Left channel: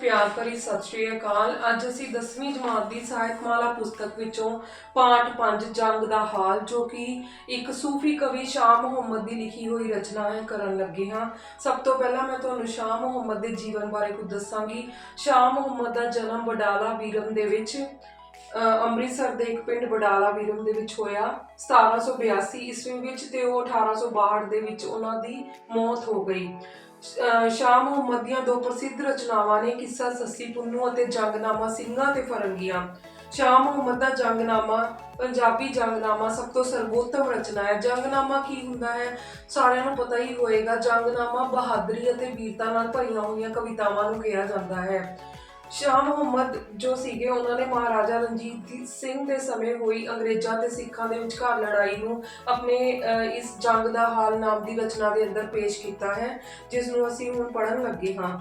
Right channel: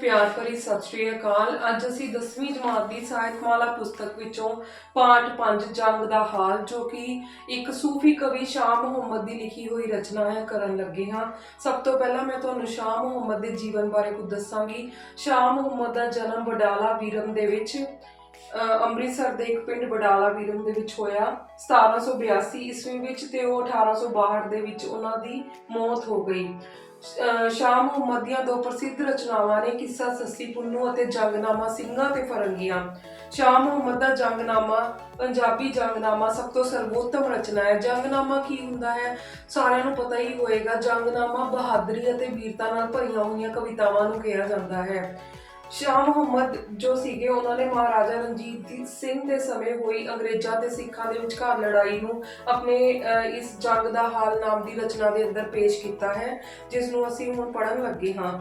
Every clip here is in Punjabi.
ਪਿਆਰ ਭਰੀ ਸਤਿ ਸ਼੍ਰੀ ਅਕਾਲ। ਅੱਜ ਅਸੀਂ 10ਵੀਂ ਜਮਾਤ ਦੀ ਸਾਹਿਤਮਾਲਾ ਪੁਸਤਕ ਵਿੱਚੋਂ ਪਾਠ 5 ਜੰਗ ਦਾ ਹਾਲ ਜੋ ਕਿ ਇੱਕ ਸੂਫੀ ਕਵੀ ਸ਼ਾਹ ਮੁਹੰਮਦ ਦੀ ਲਿਖੀ ਹੋਈ ਰਚਨਾ ਹੈ ਕਰਨ ਲੱਗੇ ਹਾਂ। ਸਭ ਤੋਂ ਪਹਿਲਾਂ ਮੈਂ ਤੁਹਾਨੂੰ ਸ਼ਾਹ ਮੁਹੰਮਦ ਦੇ ਜੀਵਨ ਬਾਰੇ ਕੁਝ ਦੱਸਾਂਗੀ। ਸ਼ਾਹ ਮੁਹੰਮਦ ਦਾ ਜਨਮ ਬਡਾਲਾ ਵੀਰਮ ਦੇ ਵਿੱਚ ਅ, ਅੰਮ੍ਰਿਤਸਰ ਦੇ ਇੱਕ ਪਿੰਡ ਬਡਾਲਾ ਵੀਰਮ ਦੇ ਵਿੱਚ ਹੋਇਆ। 1782 ਈਸਵੀ ਵਿੱਚ ਤੇ ਉਹ 1862 ਦੇ ਵਿੱਚ ਉਹਨਾਂ ਦੀ ਮੌਤ ਹੋ ਗਈ। ਸ਼ਾਹ ਮੁਹੰਮਦ ਦੀਆਂ ਦੋ ਪ੍ਰਸਿੱਧ ਰਚਨਾਵਾਂ ਨੇ ਕਿੱਸਾ ਸੱਸੀ ਪੁੰਨੂ ਅਤੇ ਜੰਗਨਾਮਾ ਸਿੰਘਾਂ ਤੇ ਫਰੰਗੀਆਂ। ਸ਼ਾਹ ਮੁਹੰਮਦ ਦਾ ਜੰਗਨਾਮਾ ਪੰਜਾਬੀ ਜੰਗਨਾਮਾ ਸਭ ਤੋਂ ਸਰਵੋਤਮ ਰਚਨਾ ਹੈ। ਜੰਗਨਾਮਾ ਕੀ ਹੁੰਦਾ ਹੈ? ਸਾਰਿਆਂ ਨੂੰ ਪਤਾ ਹੀ ਹੋਏਗਾ। ਜੰਗਨਾਮਾ ਬਹਾਦਰੀ ਅਤੇ ਵੀਰਤਾ ਨਾਲ ਭਰੀਆਂ ਹੋਈਆਂ ਕਵਿਤਾਵਾਂ ਨੂੰ ਕਿਹਾ ਜਾਂਦਾ ਹੈ। ਸ਼ਾਹ ਮੁਹੰਮਦ ਜੋ ਸੀਗੇ, ਉਹਨਾਂ ਨੇ ਮਹਾਰਾਜਾ ਰਣਜੀਤ ਸਿੰਘ ਦੇ ਸਮੇਂ ਹੋਈ ਅੰਗਰੇਜ਼ਾਂ ਤੇ ਸਿੱਖਾਂ ਦੇ ਵਿਚਕਾਰ ਲੜਾਈ ਨੂੰ ਆਪਣੇ ਇਸ ਜੰਗ ਦਾ ਹਾਲ ਨਾਮ ਦੀ ਰਚਨਾ ਦੇ ਅੰਦਰ ਪੇਸ਼ ਕੀਤਾ ਹੈ, ਜਿਸ ਨੂੰ ਅਸੀਂ ਹੁਣ ਪੜਨ ਲੱਗੇ ਹਾਂ।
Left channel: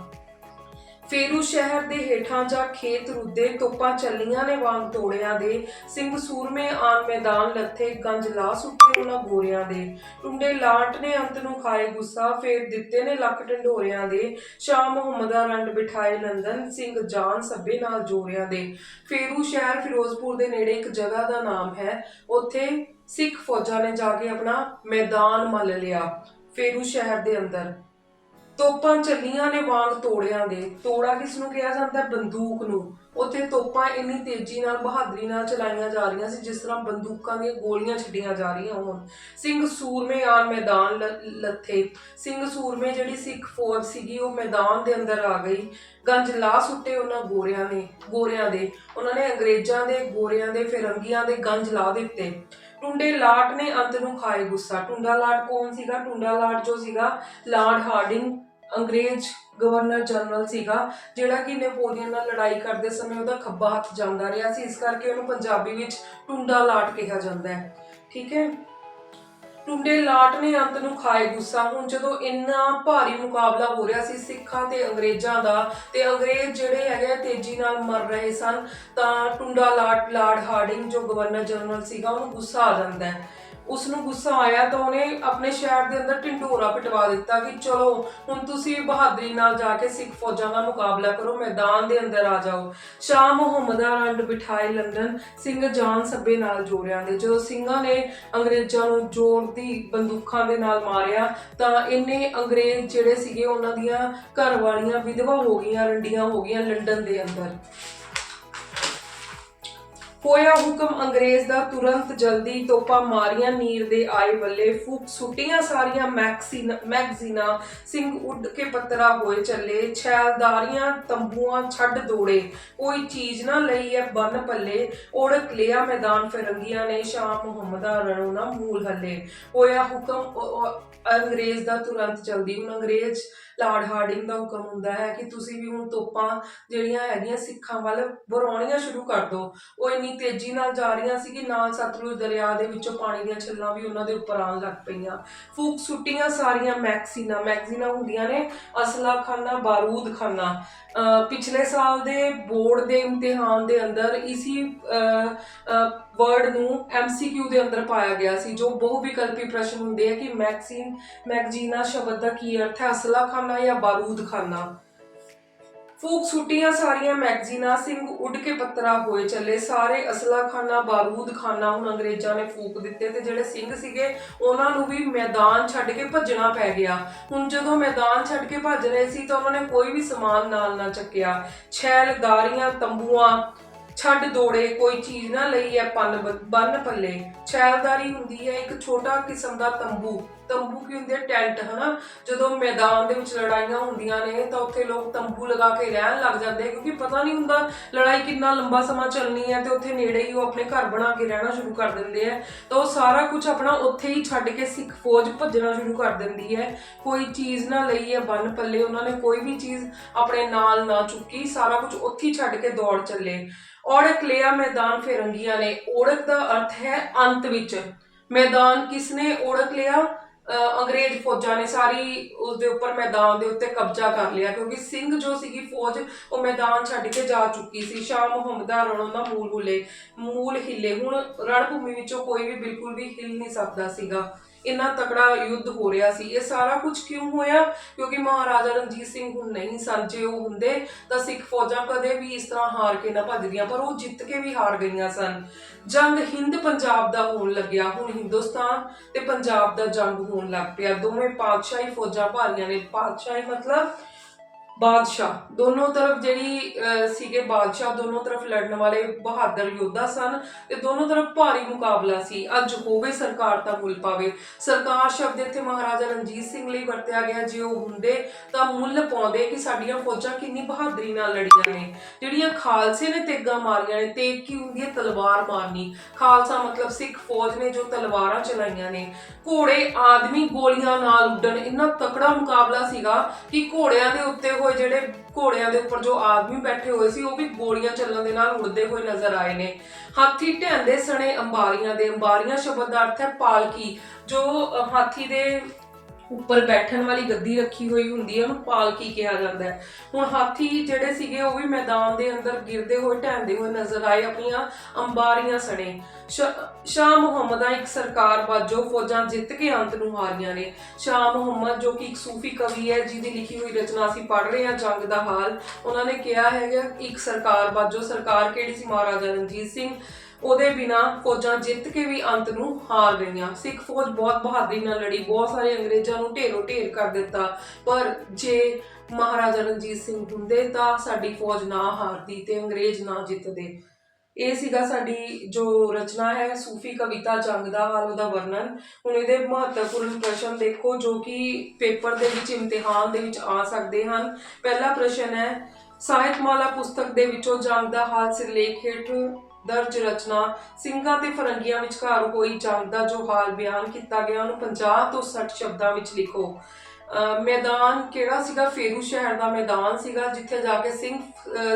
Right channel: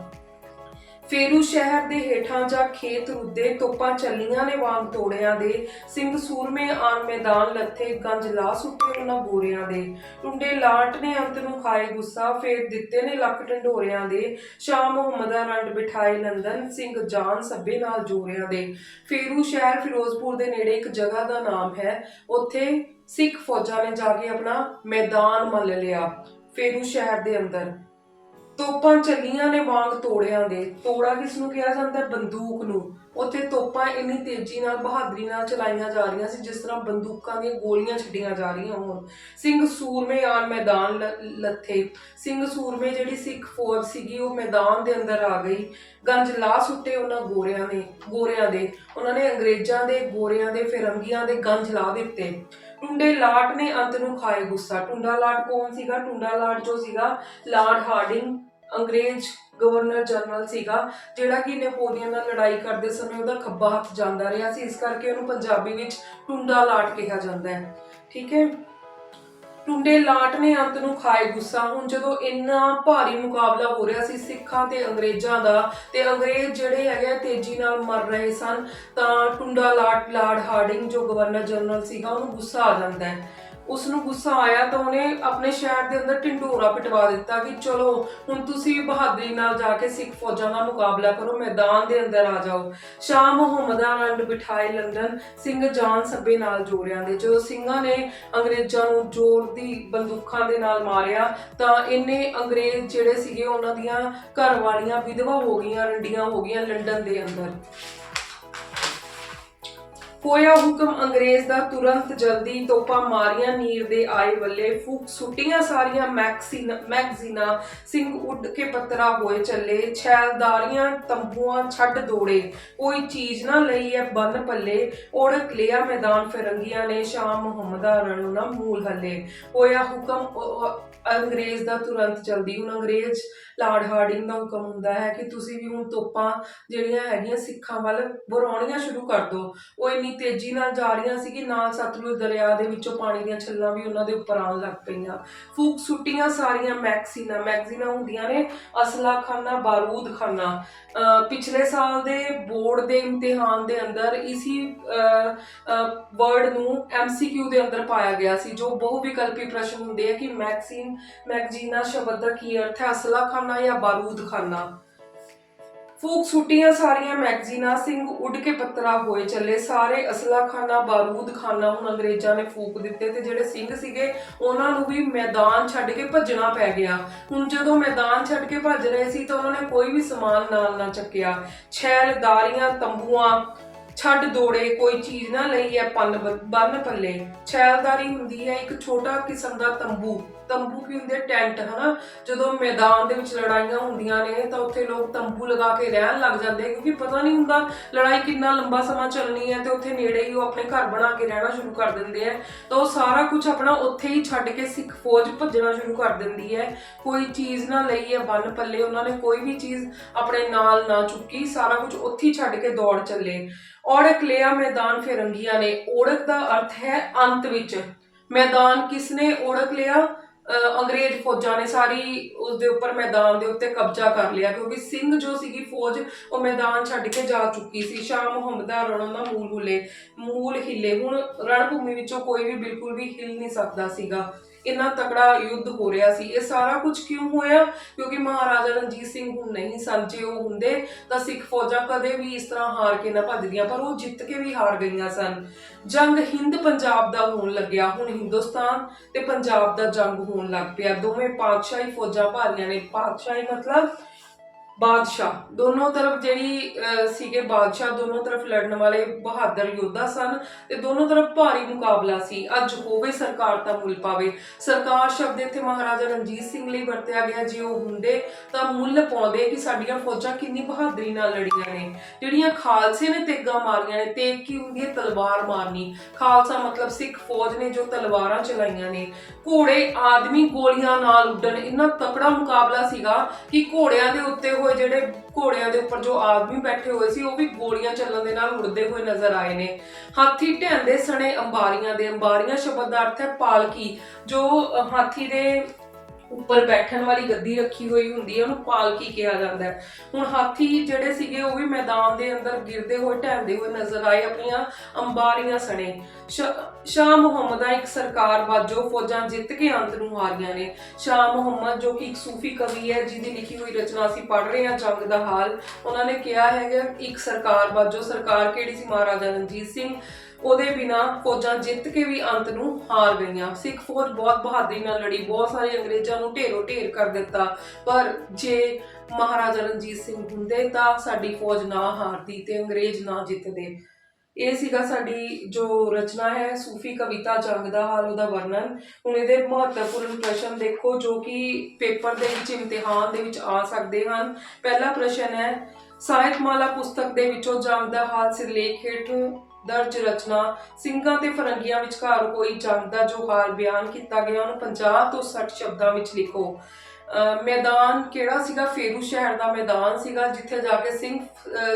ਫੇਰੂ ਸ਼ਹਿਰ ਦੇ ਹੇਠਾਂ ਜਾਂ ਖੇਤ ਰੁੱਦੇ ਤੋਪਾਂ ਚੱਲੀਆਂ ਨੇ ਵਾਂਗ ਤੋੜਿਆਂ ਦੇ। ਸਿੰਘ ਸੂਰਮੇ ਆਨ ਮੈਦਾਨ ਲੱਥੇ ਗੰਜ ਲਾ ਸੁੱਟੇ ਉਹਨਾਂ ਗੋਰਿਆਂ ਦੇ। ਟੁੰਡੇ ਲਾਟ ਨੇ ਅੰਤ ਨੂੰ ਖਾਏ ਗੁੱਸਾ, ਫੇਰ ਦਿੱਤੇ ਨੇ ਲੱਕ ਢੰਡੋਰਿਆਂ ਦੇ। ਸ਼ਾਹ ਮੁਹੰਮਦਾ ਰੰਡ ਬਿਠਾਏ ਲੰਦਨ ਸਿੰਘ ਜਾਨ ਸੱਬੇ ਨਾਲ ਜੋਰਿਆਂ ਦੇ। ਫੇਰੂ ਸ਼ਹਿਰ ਫਿਰੋਜ਼ਪੁਰ ਦੇ ਨੇੜੇ ਇੱਕ ਜਗ੍ਹਾ ਦਾ ਨਾਮ ਹੈ। ਉੱਥੇ ਸਿੱਖ ਫੌਜਾਂ ਨੇ ਜਾ ਕੇ ਆਪਣਾ ਮੈਦਾਨ ਮੱਲ ਲਿਆ। ਫੇਰੂ ਸ਼ਹਿਰ ਦੇ ਅੰਦਰ ਤੋਪਾਂ ਚੱਲੀਆਂ ਨੇ ਵਾਂਗ ਤੋੜਿਆਂ ਦੇ। ਤੋੜਾ ਕਿਸ ਨੂੰ ਕਿਹਾ ਜਾਂਦਾ? ਹੈ ਬੰਦੂਕ ਨੂੰ। ਉੱਥੇ ਤੋਪਾਂ ਇੰਨੀ ਤੇਜ਼ੀ ਨਾਲ, ਬਹਾਦਰੀ ਨਾਲ ਚਲਾਈਆਂ ਜਾ ਰਹੀਆਂ ਸੀ, ਜਿਸ ਤਰ੍ਹਾਂ ਬੰਦੂਕਾਂ ਦੀਆਂ ਗੋਲੀਆਂ ਛੱਡੀਆਂ ਜਾ ਰਹੀਆਂ ਹੋਣ। ਸਿੰਘ ਸੂਰਮੇ ਆਲ ਮੈਦਾਨ ਲ- ਲੱਥੇ। ਸਿੰਘ ਸੂਰਮੇ ਜਿਹੜੀ ਸਿੱਖ ਫੌਜ ਸੀਗੀ, ਉਹ ਮੈਦਾਨ ਦੇ ਅੰਦਰ ਆ ਗਈ। ਗੰਜ ਲਾ ਸੁੱਟੇ ਉਹਨਾਂ ਗੋਰਿਆਂ ਨੇ, ਗੋਰਿਆਂ ਦੇ। ਉਹਨਾਂ ਨੇ ਅੰਗਰੇਜ਼ਾਂ ਦੇ, ਗੋਰਿਆਂ ਦੇ, ਫਿਰੰਗੀਆਂ ਦੇ ਗੰਜ ਲਾ ਦਿੱਤੇ। ਟੁੰਡੇ ਲਾਟ ਨੇ ਅੰਤ ਨੂੰ ਖਾਏ ਗੁੱਸਾ। ਟੁੰਡਾ ਲਾਟ ਕੌਣ ਸੀਗਾ? ਟੁੰਡਾ ਲਾਟ ਜੋ ਸੀਗਾ, ਲਾਰਡ ਹਾਰਡਿੰਗ। ਅੰਗਰੇਜ਼ ਗਵਰਨਰ ਜਨਰਲ ਸੀਗਾ, ਜਿਹੜਾ ਕਿ ਨੇਪੋਲੀਅਨ ਨਾਲ ਲੜਾਈ ਕਰਦੇ ਸਮੇਂ ਉਹਦਾ ਖੱਬਾ ਹੱਥ ਜਾਂਦਾ ਰਿਹਾ ਸੀ, ਇਸ ਕਰਕੇ ਉਹਨੂੰ ਪੰਜਾਬੀ ਵਿੱਚ ਟੁੰਡਾ ਲਾਟ ਕਿਹਾ ਜਾਂਦਾ ਹੈ। ਠੀਕ ਹੈ? ਟੁੰਡੇ ਲਾਟ ਨੇ ਅੰਤ ਨੂੰ ਖਾਏ ਗੁੱਸਾ। ਹੁਣ ਜਦੋਂ ਇੰਨਾ ਭਾਰੀ ਮੁਕਾਬਲਾ ਹੋ ਰਿਹਾ ਸੀ ਸਿੱਖਾਂ ਤੇ ਅੰਗਰੇਜ਼ਾਂ ਦਾ ਤੇ ਅੰਗਰੇਜ਼ ਜਿਹੜੇ ਹੈਗੇ ਆ, ਤੇਜ਼ੀ ਨਾਲ ਮਰ ਰਹੇ ਸਨ, ਤਾਂ ਟੁੰਡਾ ਲਾਟ, ਲਾਰਡ ਹਾਰਡਿੰਗ ਜੋ ਗਵਰਨਰ ਜਨਰਲ ਸੀਗਾ, ਉਹਨੂੰ ਗੁੱਸਾ ਆ ਜਾਂਦਾ ਹੈ। ਉਸ ਨੂੰ ਗੁੱਸਾ ਆਇਆ ਤਾਂ ਉਹਨੇ ਆਪਣੇ ਸ਼ਹਿਰ ਦੇ ਅੰਦਰ ਢਿੰਡੋਰਾ ਪਿਟਵਾ ਦਿੱਤਾ ਕਿ ਚਲੋ, ਹੁਣ ਤੁਸੀਂ ਬਹਾਦਰੀ ਨਾਲ ਜਾ ਕੇ ਸਿੱਖ ਫੌਜਾਂ ਦਾ ਮੁਕਾਬਲਾ ਕਰੋ, ਮੈਦਾਨ ਦੇ ਅੰਦਰ ਆ ਜਾਓ। ਸ਼ਾਹ ਮੁਹੰਮਦ ਰੰਡ ਬਿਠਾਏ ਲੰਦਨ ਸਿੰਘ ਜਾਨ ਸੱਬੇ ਨਾਲ ਜੋੜਿਆਂ ਦੇ। ਜਦੋਂ ਸਿੰਘਾਂ ਨੇ ਅੰਗਰੇਜ਼ਾਂ ਨੂੰ ਜ਼ੋਰ ਦੀ ਬੰਦੂਕਾਂ ਦੇ ਨਾਲ ਮਾਰਿਆ ਤਾਂ ਇਹਨੇ ਅੰਗਰੇਜ਼ ਜਿਹੜੇ ਸੀਗੇ, ਉਹਨਾਂ ਦੀਆਂ ਘਰ ਵਾਲੀਆਂ ਵਿਧਵਾ ਹੋ ਗਈਆਂ, ਰੰਡੀਆਂ ਹੋ ਗਈਆਂ ਲੰਡਨ ਦੇ ਅੰਦਰ। ਹੋਇਆ ਹੁਕਮ ਅੰਗਰੇਜ਼ ਦਾ ਤੁਰੰਤ ਜਲਦੀ ਤੋਪਾਂ ਮਾਰੀਆਂ, ਨੀਰ ਦੇ ਆਏ ਵੱਲੇ ਫੂਕ ਸੁੱਟੀਆਂ ਸਾਰੀਆਂ ਮੈਗਜ਼ੀਨ ਮੈਗਜ਼ੀਨਾਂ, ਸਿੰਘ ਉੱਡ ਕੇ ਪੱਤਰਾ ਹੋਏ ਚੱਲੇ, ਛੈਲਦਾਰੀਆਂ, ਤੰਬੂਆਂ ਛੱਡ ਦੌੜੇ। ਕੋਈ ਚੀਜ਼ ਨਾ ਲਈ ਐ ਬੰਨ ਪੱਲੇ ਓੜਕ ਲਿਆ ਮੈਦਾਨ ਫਿਰੰਗੀਆਂ ਨੇ ਸ਼ਾਹ ਮੁਹੰਮਦਾ ਰਣੂ ਨਾ ਮੂਲ ਹੱਲੇ। ਹੋਇਆ ਹੁਕਮ ਅੰਗਰੇਜ਼ ਦਾ ਤੁਰੰਤ ਜਲਦੀ। ਹੁਣ ਅੰਗਰੇਜ਼ ਲਾਰਡ ਹਾਰਡਿੰਗ ਦਾ ਹੁਕਮ ਹੁੰਦਾ ਹੈ ਕਿ ਤੁਸੀਂ ਵੀ ਹੁਣ ਤੋਪਾਂ ਜਿਹੜੀਆਂ ਹੈਗੀਆਂ ਸਿੱਖਾਂ ਵੱਲ ਵਰਾਉਣੀਆਂ ਸ਼ੁਰੂ ਕਰ ਦਿਓ ਉਹ ਇੰਨੀ ਤੇਜ਼ੀ ਨਾਲ ਜਾ ਰਹੀਆਂ ਸੀ ਕਿ ਨਾਲ ਸਤਲੁਜ ਦਰਿਆ ਦੇ ਵਿੱਚੋਂ ਪਾਣੀ ਦੀਆਂ ਛੱਲਾਂ ਵੀ ਉਹਨਾਂ ਦੇ ਉੱਪਰ ਆਉਣ ਲੱਗ ਪਈਆਂ। ਫੂਕ ਸੁੱਟੀਆਂ ਸਾਰੀਆਂ ਮੈਗਜ਼ੀਨਾਂ ਮੈਗਜ਼ੀਨਾਂ ਹੁੰਦੀਆਂ ਨੇ ਅਸਲਾ ਖਾਨਾ ਬਾਰੂਦ ਖਾਨਾ ਪਿਛਲੇ ਸਾਲ ਦੇ ਬੋਰਡ ਦੇ ਇਮਤਿਹਾਨ ਦੇ ਅੰਦਰ ਇਸੀ ਵਰਡ ਨੂੰ ਐਮਸੀਕਿਊ ਦੇ ਅੰਦਰ ਪਾਇਆ ਗਿਆ ਸੀ, ਜੋ ਬਹੁ ਵਿਕਲਪੀ ਪ੍ਰਸ਼ਨ ਹੁੰਦੇ ਆ ਕਿ ਮੈਕਸੀਨ ਮੈਗਜ਼ੀਨਾ ਸ਼ਬਦ ਦਾ ਕੀ ਅਰਥ ਹੈ ਅਸਲਾ ਖਾਨਾ ਜਾਂ ਬਾਰੂਦ ਖਾਨਾ ਫੂਕ ਸੁੱਟੀਆਂ ਸਾਰੀਆਂ ਮੈਗਜ਼ੀਨਾਂ ਸਿੰਘ ਉੱਡ ਕੇ ਪੱਤਰਾ ਹੋਏ ਚੱਲੇ। ਸਾਰੇ ਅਸਲਾ ਖਾਨਾ ਬਾਰੂਦ ਖਾਨਾ ਹੁਣ ਅੰਗਰੇਜ਼ਾਂ ਨੇ ਫੂਕ ਦਿੱਤੇ ਤੇ ਜਿਹੜੇ ਸਿੰਘ ਸੀਗੇ, ਉਹਨਾਂ ਨੂੰ ਵੀ ਮੈਦਾਨ ਛੱਡ ਕੇ ਭੱਜਣਾ ਪੈ ਗਿਆ। ਹੁਣ ਜਦੋਂ ਮੈਦਾਨ ਛੱਡ ਕੇ ਭੱਜ ਰਹੇ ਸੀ ਤਾਂ ਉਹਨਾਂ ਨੇ ਕੋਈ ਵੀ ਸਮਾਨ ਨਾਲ ਨਾ ਚੱਕਿਆ। ਛੈਲਦਾਰੀਆਂ ਤੰਬੂਆਂ, ਛੱਡ ਦੌੜੇ, ਕੋਈ ਚੀਜ਼ ਨਾ ਲਈ ਹੈ ਪੰਨ ਬੰਨ ਪੱਲੇ। ਛੈਲਦਾਰੀ ਹੁੰਦੀ ਹੈ ਇੱਕ ਛੋਟਾ ਕਿਸਮ ਦਾ ਤੰਬੂ। ਤੰਬੂ ਕੀ ਹੁੰਦੇ ਟੈਂਟ, ਹਨਾ? ਜਦੋਂ ਮੈਦਾਨ ਦੇ ਵਿੱਚ ਲੜਾਈਆਂ ਹੁੰਦੀਆਂ ਨੇ, ਤਾਂ ਉੱਥੇ ਲੋਕ ਤੰਬੂ ਲਗਾ ਕੇ ਰਹਿਣ ਲੱਗ ਜਾਂਦੇ ਕਿਉਂਕਿ ਪਤਾ ਨਹੀਂ ਹੁੰਦਾ ਲੜਾਈ ਕਿੰਨਾ ਲੰਬਾ ਸਮਾਂ ਚੱਲਣੀ ਹੈ ਤੇ ਉੱਥੇ ਨੇੜੇ ਹੀ ਉਹ ਆਪਣੇ ਘਰ ਬਣਾ ਕੇ ਰਹਿਣਾ ਸ਼ੁਰੂ ਕਰ ਦਿੰਦੇ ਆ। ਤਾਂ ਉਹ ਸਾਰਾ ਕੁਝ ਆਪਣਾ ਉੱਥੇ ਹੀ ਛੱਡ ਕੇ ਸਿੱਖ ਫੌਜ ਭੱਜਣਾ ਸ਼ੁਰੂ ਕਰ ਦਿੰਦੀ ਹੈ। ਕੋਈ ਚੀਜ਼ ਨਾ ਲਈ ਹੈ, ਬੰਨ ਪੱਲੇ, ਉਹਨਾਂ ਨੇ ਕੋਈ ਵੀ ਚੀਜ਼ ਆਪਣੇ ਨਾਲ ਨਾ ਚੁੱਕੀ, ਸਾਰਾ ਕੁਝ ਉੱਥੇ ਹੀ ਛੱਡ ਕੇ ਦੌੜ ਚੱਲੇ। ਔੜਕ ਲਿਆ ਮੈਦਾਨ ਫਿਰੰਗੀਆਂ ਨੇ। ਔੜਕ ਦਾ ਅਰਥ ਹੈ ਅੰਤ ਵਿੱਚ। ਮੈਦਾਨ ਕਿਸਨੇ ਔੜਕ ਲਿਆ? ਅੰਗਰੇਜ਼ ਫੌਜਾਂ ਨੇ ਸਾਰੀ ਉਸ ਦੇ ਉੱਪਰ ਮੈਦਾਨ ਦੇ ਉੱਤੇ ਕਬਜ਼ਾ ਕਰ ਲਿਆ, ਕਿਉਂਕਿ ਸਿੰਘ ਜੋ ਸੀਗੀ ਫੌਜ, ਉਹ ਮੈਦਾਨ ਛੱਡ ਕੇ ਜਾ ਚੁੱਕੀ ਸੀ। ਸ਼ਾਹ ਮੁਹੰਮਦਾ ਰਣੋਂ ਦਾ ਮੂਲ ਹੁਲੇ, ਮੂਲ ਹਿੱਲੇ। ਹੁਣ ਰਣਭੂਮੀ ਵਿੱਚੋਂ ਕੋਈ ਵੀ ਬਿਲਕੁਲ ਵੀ ਹਿੱਲ ਨਹੀਂ ਸਕਦਾ ਸੀਗਾ। ਇੰਨਾ ਤਕੜਾ ਯੁੱਧ ਹੋ ਰਿਹਾ ਸੀ। ਇਹ ਸਾਰਾ ਕੁਝ ਕਿਉਂ ਹੋਇਆ? ਕਿਉਂਕਿ ਮਹਾਰਾਜਾ ਰਣਜੀਤ ਸਿੰਘ ਹੁਣ ਨਹੀਂ ਸਨ, ਜੇ ਉਹ ਹੁੰਦੇ ਤਾਂ ਸਿੱਖ ਫੌਜਾਂ ਕਦੇ ਵੀ ਇਸ ਤਰ੍ਹਾਂ ਹਾਰ ਕੇ ਨਾ ਭੱਜਦੀਆਂ, ਪਰ ਉਹ ਜਿੱਤ ਕੇ ਵੀ ਹਾਰ ਗਈਆਂ ਸਨ। ਜੰਗ ਹਿੰਦ ਪੰਜਾਬ ਦਾ ਹੋਣ ਲੱਗਿਆ। ਹੁਣ ਹਿੰਦੁਸਤਾਨ ਤੇ ਪੰਜਾਬ ਦਾ ਜੰਗ ਹੋਣ ਲੱਗ ਪਿਆ। ਦੋਵੇਂ ਪਾਤਸ਼ਾਹੀ ਫੌਜਾਂ ਭਾਰੀਆਂ ਨੇ। ਪਾਤਸ਼ਾਹੀ ਮਤਲਬ ਬਾਦਸ਼ਾਹ। ਦੋਨੋਂ ਤਰਫ ਜਿਹੜੀ ਸੀਗੇ ਬਾਦਸ਼ਾਹ, ਦੋਨੋਂ ਤਰਫ ਲੜਨ ਵਾਲੇ ਬਹਾਦਰ ਯੋਧਾ ਸਨ ਤੇ ਦੋਨੋਂ ਤਰਫ ਭਾਰੀ ਮੁਕਾਬਲਾ ਸੀ। ਅੱਜ ਹੋਵੇ ਸਰਕਾਰ ਤਾਂ ਮੁੱਲ ਪਾਵੇ। ਸਰਕਾਰ ਸ਼ਬਦ ਇੱਥੇ ਮਹਾਰਾਜਾ ਰਣਜੀਤ ਸਿੰਘ ਲਈ ਵਰਤਿਆ ਗਿਆ, ਜੇ ਉਹ ਹੁੰਦੇ ਤਾਂ ਮੁੱਲ ਪਾਉਂਦੇ ਕਿ ਸਾਡੀਆਂ ਫੌਜਾਂ ਕਿੰਨੀ ਬਹਾਦਰੀ ਨਾਲ ਲੜੀਆਂ ਨੇ। ਜਿਹੜੀਆਂ ਖਾਲਸੇ ਨੇ ਤੇਗਾਂ ਮਾਰੀਆਂ ਨੇ, ਤੇਗ ਕੀ ਹੁੰਦੀ ਹੈ? ਤਲਵਾਰ ਮਾਰਨੀ। ਖਾਲਸਾ ਮਤਲਬ ਸਿੱਖ ਫੌਜ ਨੇ ਜੋ ਤਲਵਾਰਾਂ ਚਲਾਈਆਂ ਨੇ। ਘੋੜੇ ਆਦਮੀ ਗੋਲੀਆਂ ਨਾਲ ਉੱਡਣ। ਇੰਨਾ ਤਕੜਾ ਮੁਕਾਬਲਾ ਸੀਗਾ ਕਿ ਘੋੜਿਆਂ ਦੇ ਉੱਤੇ ਹੋਏ ਜਿਹੜੇ ਘੋੜਿਆਂ ਦੇ ਉੱਪਰ ਜੋ ਆਦਮੀ ਬੈਠੇ ਹੋਏ ਸੀ, ਉਹ ਵੀ ਗੋਲੀਆਂ ਚੱਲਣ ਦੇ ਨਾਲ ਉੜਦੇ ਹੋਏ ਨਜ਼ਰ ਆਏ ਨੇ। ਹਾਥੀ ਢਹਿੰਦੇ ਸਣੇ ਅੰਬਾਰੀਆਂ ਦੇ, ਅੰਬਾਰੀਆਂ ਸ਼ਬਦ ਦਾ ਅਰਥ ਹੈ ਪਾਲਕੀ, ਜੋ ਹਾਥੀ ਦੇ ਉੱਪਰ ਬੈਠਣ ਵਾਲੀ ਗੱਦੀ ਰੱਖੀ ਹੋਈ ਹੁੰਦੀ ਹੈ, ਉਹਨੂੰ ਪਾਲਕੀ ਕਿਹਾ ਜਾਂਦਾ ਹੈ। ਹੁਣ ਹਾਥੀ ਜਿਹੜੇ ਸੀਗੇ, ਉਹ ਵੀ ਮੈਦਾਨ ਦੇ ਅੰਦਰ ਗਿਰਦੇ ਹੋਏ, ਢਹਿੰਦੇ ਹੋਏ ਨਜ਼ਰ ਆਏ ਆਪਣੀਆਂ ਅੰਬਾਰੀਆਂ ਸਣੇ। ਸ਼ਾਹ ਮੁਹੰਮਦ ਦਾ ਇੱਕ ਸਰਕਾਰ ਬਾਜੋ ਫੌਜਾਂ ਜਿੱਤ ਕੇ ਅੰਤ ਨੂੰ ਹਾਰੀਆਂ ਨੇ। ਸ਼ਾਹ ਮੁਹੰਮਦ, ਜੋ ਕਿ ਇੱਕ ਸੂਫੀ ਕਵੀ ਹੈ, ਜਿਹਦੀ ਲਿਖੀ ਹੋਈ ਰਚਨਾ ਅਸੀਂ ਪੜ੍ਹ ਰਹੇ ਹਾਂ, ਜੰਗ ਦਾ ਹਾਲ, ਉਹਨਾਂ ਨੇ ਕਿਹਾ ਹੈਗਾ, ਇੱਕ ਸਰਕਾਰ ਬਾਜੋ, ਸਰਕਾਰ ਕਿਹੜੀ ਸੀ? ਮਹਾਰਾਜਾ ਰਣਜੀਤ ਸਿੰਘ। ਉਹਦੇ ਬਿਨਾ ਫੌਜਾਂ ਜਿੱਤ ਕੇ ਵੀ ਅੰਤ ਨੂੰ ਹਾਰ ਗਈਆਂ। ਸਿੱਖ ਫੌਜ ਬਹੁਤ ਬਹਾਦਰੀ ਨਾਲ ਲੜੀ, ਬਹੁਤ ਸਾਰੇ ਅੰਗਰੇਜ਼ਾਂ ਨੂੰ ਢੇਰੋ ਢੇਰ ਕਰ ਦਿੱਤਾ। ਪਰ ਜੇ ਮਹਾਰਾਜਾ ਰਣਜੀਤ ਸਿੰਘ ਹੁੰਦੇ ਤਾਂ ਸਾਡੀ ਫੌਜ ਨਾ ਹਾਰਦੀ ਤੇ ਅੰਗਰੇਜ਼ ਨਾ ਜਿੱਤਦੇ। ਇਹ ਸੀਗਾ ਸਾਡੀ ਜੋ ਰਚਨਾ ਹੈ, ਸੂਫੀ ਕਵਿਤਾ ਜੰਗ ਦਾ ਹਾਲ, ਉਹਦਾ ਵਰਣਨ। ਹੁਣ ਇਹਦੇ ਮਹੱਤਵਪੂਰਨ ਪ੍ਰਸ਼ਨ ਦੇਖੋ, ਜੋ ਕਿ ਪੇਪਰ ਦੇ ਵਿੱਚ, ਇਮਤਿਹਾਨ ਦੇ ਵਿੱਚ ਆ ਸਕਦੇ ਹਨ। ਪਹਿਲਾ ਪ੍ਰਸ਼ਨ ਹੈ, ਸਾਹਿਤਮਾਲਾ ਪੁਸਤਕ ਦੇ ਵਿੱਚੋਂ ਜੰਗ ਦਾ ਹਾਲ ਸਿਰਲੇਖ ਹੇਠ ਦਰਜ ਰਚਨਾ, ਸਿੰਘਾਂ ਤੇ ਫਰੰਗੀਆਂ ਵਿਚਕਾਰ ਹੋਈ ਜੰਗ ਦਾ ਜੋ ਹਾਲ ਬਿਆਨ ਕੀਤਾ ਗਿਆ, ਉਹਨੂੰ 50 ਤੋਂ 60 ਸ਼ਬਦਾਂ ਵਿੱਚ ਲਿਖੋ। ਮੈਦਾਨ ਕਿਹੜਾ ਸੀਗਾ? ਫੇਰੂ ਸ਼ਹਿਰ ਦਾ ਮੈਦਾਨ ਸੀਗਾ, ਜਿੱਥੇ ਜਾ ਕੇ ਸਿੰਘ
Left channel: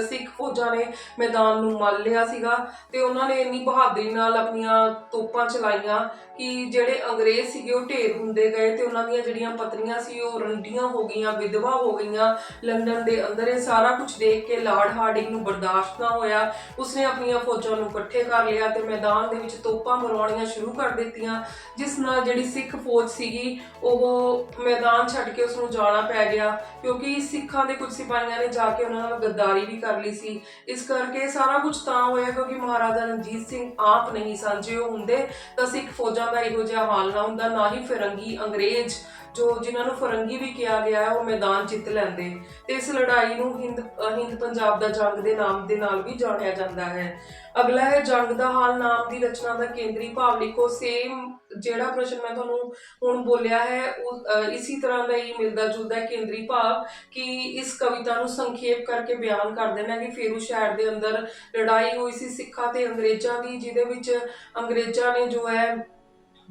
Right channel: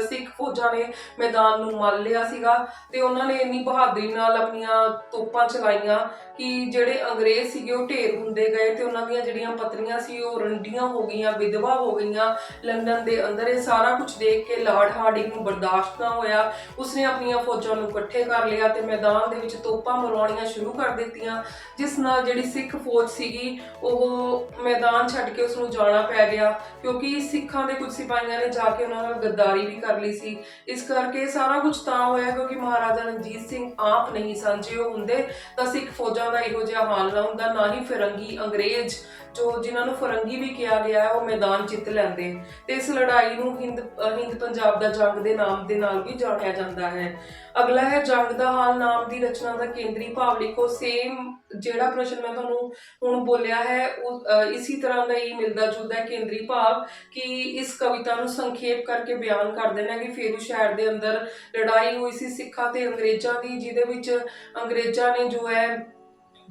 ਸਿੱਖ ਫੌਜਾਂ ਨੇ ਮੈਦਾਨ ਨੂੰ ਮੰਨ ਲਿਆ ਸੀਗਾ ਤੇ ਉਹਨਾਂ ਨੇ ਇੰਨੀ ਬਹਾਦਰੀ ਨਾਲ ਆਪਣੀਆਂ ਤੋਪਾਂ ਚਲਾਈਆਂ ਕਿ ਜਿਹੜੇ ਅੰਗਰੇਜ਼ ਸੀਗੇ ਉਹ ਢੇਰ ਹੁੰਦੇ ਗਏ ਤੇ ਉਹਨਾਂ ਦੀਆਂ ਜਿਹੜੀਆਂ ਪਤਨੀਆਂ ਸੀ ਉਹ ਰੰਡੀਆਂ ਹੋ ਗਈਆਂ, ਵਿਧਵਾ ਹੋ ਗਈਆਂ। ਲੰਡਨ ਦੇ ਅੰਦਰ ਇਹ ਸਾਰਾ ਕੁਝ ਦੇਖ ਕੇ ਲਾਰਡ ਹਾਰਡਿੰਗ ਨੂੰ ਬਰਦਾਸ਼ਤ ਨਾ ਹੋਇਆ। ਉਸਨੇ ਆਪਣੀਆਂ ਫੌਜਾਂ ਨੂੰ ਇਕੱਠੇ ਕਰ ਲਿਆ ਤੇ ਮੈਦਾਨ ਦੇ ਵਿੱਚ ਤੋਪਾਂ ਮਰਵਾਉਣੀਆਂ ਸ਼ੁਰੂ ਕਰ ਦਿੱਤੀਆਂ, ਜਿਸ ਨਾਲ ਜਿਹੜੀ ਸਿੱਖ ਫੌਜ ਸੀਗੀ ਉਹ ਮੈਦਾਨ ਛੱਡ ਕੇ ਉਸ ਨੂੰ ਜਾਣਾ ਪੈ ਗਿਆ, ਕਿਉਂਕਿ ਸਿੱਖਾਂ ਦੇ ਕੁਝ ਸਿਪਾਹੀਆਂ ਨੇ ਜਾ ਕੇ ਉਹਨਾਂ ਨਾਲ ਗੱਦਾਰੀ ਵੀ ਕਰ ਲਈ ਸੀ। ਇਸ ਕਰਕੇ ਸਾਰਾ ਕੁਝ ਤਾਂ ਹੋਇਆ ਕਿਉਂਕਿ ਮਹਾਰਾਜਾ ਰਣਜੀਤ ਸਿੰਘ ਆਪ ਨਹੀਂ ਸਨ, ਜੇ ਉਹ ਹੁੰਦੇ ਤਾਂ ਸਿੱਖ ਫੌਜਾਂ ਦਾ ਇਹੋ ਜਿਹਾ ਹਾਲ ਨਾ ਹੁੰਦਾ, ਨਾ ਹੀ ਫਿਰੰਗੀ ਅੰਗਰੇਜ਼, ਜੋ ਜਿਨ੍ਹਾਂ ਨੂੰ ਫਰੰਗੀ ਵੀ ਕਿਹਾ ਗਿਆ ਹੈ, ਉਹ ਮੈਦਾਨ ਜਿੱਤ ਲੈਂਦੇ। ਤੇ ਇਸ ਲੜਾਈ ਨੂੰ ਹਿੰਦ ਹਿੰਦ ਪੰਜਾਬ ਦਾ ਜੰਗ ਦੇ ਨਾਮ ਦੇ ਨਾਲ ਵੀ ਜਾਣਿਆ ਜਾਂਦਾ ਹੈ। ਅਗਲਾ ਹੈ ਜੰਗ ਦਾ ਹਾਲ ਨਾਮ ਦੀ ਰਚਨਾ ਦਾ ਕੇਂਦਰੀ ਭਾਵ ਲਿਖੋ। ਸੇਮ ਜਿਹੜਾ ਪ੍ਰਸ਼ਨ ਮੈਂ ਤੁਹਾਨੂੰ ਹੁਣ ਬੋਲਿਆ ਹੈ ਉਹ ਅ, ਤਰ੍ਹਾਂ ਦਾ ਹੀ ਮਿਲਦਾ ਜੁਲਦਾ ਕੇਂਦਰੀ ਭਾਵ ਕਿ ਇਸ ਕਵਿਤਾ ਨੂੰ ਸੰਖੇਪ ਕਰਕੇ ਬਿਆਨ ਕਰ ਦੇਣਾ ਕਿ ਫੇਰੂ ਸ਼ਹਿਰ ਦੇ ਅੰਦਰ ਲੜਾਈ ਹੋਈ ਸੀ ਸਿੱਖਾਂ ਤੇ ਅੰਗਰੇਜ਼ਾਂ ਦੀ ਜਿਹਦੇ ਵਿੱਚ ਅੰਗਰੇਜ਼ਾਂ ਨੇ ਜੋ ਹੈ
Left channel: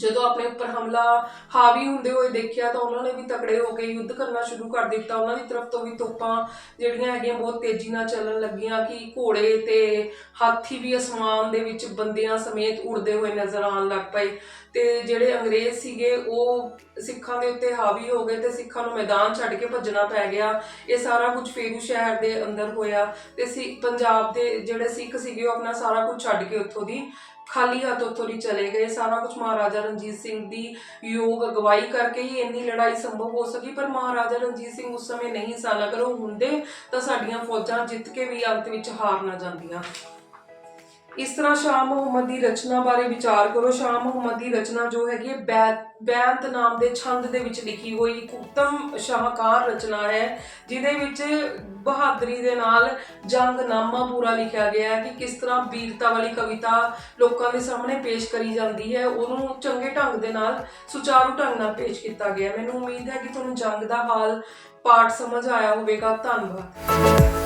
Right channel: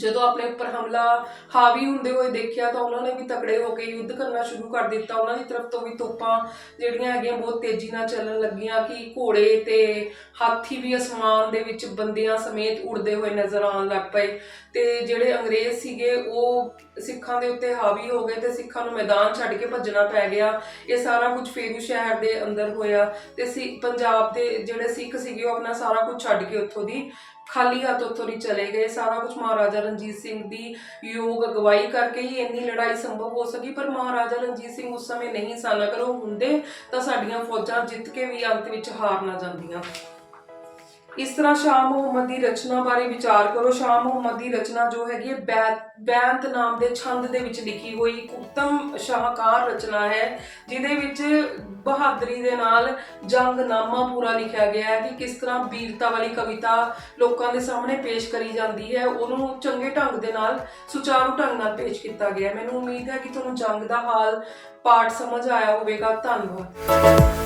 ਜਦੋਂ ਆਪਣੇ ਉੱਪਰ ਹਮਲਾ, ਹਾਵੀ ਹੁੰਦੇ ਹੋਏ ਦੇਖਿਆ ਤਾਂ ਉਹਨਾਂ ਨੇ ਵੀ ਤਕੜੇ ਹੋ ਕੇ ਯੁੱਧ ਕਰਨਾ ਸ਼ੁਰੂ ਕਰ ਦਿੱਤਾ। ਉਹਨਾਂ ਦੀ ਤਰਫ ਤੋਂ ਵੀ ਤੋਪਾਂ ਜਿਹੜੀਆਂ ਹੈਗੀਆਂ ਬਹੁਤ ਤੇਜ਼ੀ ਨਾਲ ਚੱਲਣ ਲੱਗੀਆਂ ਕਿ ਘੋੜੇ ਤੇ ਹਾਥੀ ਵੀ ਅਸਮਾਨ ਦੇ ਵਿੱਚ ਬੰਦਿਆਂ ਸਮੇਤ ਉੜਦੇ ਹੋਏ ਨਜ਼ਰ ਆਉਣ ਲੱਗ ਪਏ। ਤੇ ਜਿਹੜੇ ਅੰਗਰੇਜ਼ ਸੀਗੇ, ਉਹ ਸਿੱਖਾਂ ਦੇ ਉੱਤੇ ਹਾਵੀ ਹੋ ਗਏ ਤੇ ਸਿੱਖਾਂ ਨੂੰ ਮੈਦਾਨ ਛੱਡ ਕੇ ਭੱਜਣਾ ਪੈ ਗਿਆ। ਇਹ ਸਾਰਾ ਕੁਝ ਫੇਰੂ ਸ਼ਹਿਰ ਦੇ ਅੰਦਰ ਹੋਇਆ ਤੇ ਸੀ, ਪੰਜਾਬ ਦੇ ਜਿਹੜੇ ਸਿੱਖ ਸੀਗੇ, ਉਹ ਆਪਣਾ ਸਾਰਾ ਕੁਝ ਛੱਡ ਕੇ ਉੱਥੋਂ ਦੀ ਖਾਲੀ ਹੱਥ ਉੱਥੋਂ ਦੀ ਚਲੇ ਗਏ। ਸਾਰਾ ਕੁਝ ਮਹਾਰਾਜਾ ਰਣਜੀਤ ਸਿੰਘ ਦੀ ਯੋਗ ਅਗਵਾਈ ਕਰਕੇ ਹੀ ਇੰਨੀ ਲੜਾਈ ਸੰਭਵ ਹੋ ਸਕੀ, ਪਰ ਮਹਾਰਾਜਾ ਰਣਜੀਤ ਸਿੰਘ ਉਸ ਸਮੇਂ ਨਹੀਂ ਸਨ। ਅਗਰ ਉਹ ਹੁੰਦੇ ਤਾਂ ਸਾਡੀਆਂ ਫੌਜਾਂ ਜਿੱਤ ਕੇ ਵੀ ਅੰਤ ਵਿੱਚ ਹਾਰ ਨਾ ਜਾਂਦੀਆਂ। ਇਸ ਤਰ੍ਹਾਂ ਸ਼ਾਹ ਮੁਹੰਮਦ ਦੀ ਰਚਨਾ ਬਾਰੇ ਵਿਚਾਰ ਕਰੋ। ਸ਼ਾਹ ਮੁਹੰਮਦ ਦੀ ਰਚਨਾ ਜੋ ਹੈਗੀ ਹੈ ਬੈਤ ਬੈਂਤ ਨਾਮ ਦੇ ਛੰਦ ਦੇ ਵਿੱਚ ਲਿਖੀ ਹੋਈ ਇੱਕ ਉੱਤਮ ਸ਼ਾਹਕਾਰ ਰਚਨਾ ਹੈ, ਜਿਹਦੇ ਵਿੱਚ ਬਹਾਦਰੀ ਦੇ ਨਾਲ ਜੰਗਨਾਮਾ ਪੂਰਾ ਲਿਖਿਆ ਗਿਆ ਹੈ ਕਿ ਕਿਸ ਤਰ੍ਹਾਂ ਵੀਰਤਾ ਵਾਲੀ ਕਵਿਤਾ ਲੋਕਾਂ ਦੇ ਸਾਹਮਣੇ ਪੇਸ਼ ਕਰੀ ਜਾਂਦੀ ਹੈ। ਉਹਨੂੰ ਚੰਗੇ ਢੰਗ ਦੇ ਨਾਲ ਸੁਚਾਰੂ ਢੰਗ ਨਾਲ ਪੇਸ਼ ਕੀਤਾ ਗਿਆ ਮੈਨੂੰ ਉਮੀਦ ਹੈ ਕਿ ਤੁਹਾਨੂੰ ਜੰਗ ਦਾ ਹਾਲ, ਪਾਠ ਸਮਝ ਆਇਆ ਹੋਵੇਗਾ। ਧੰਨਵਾਦ।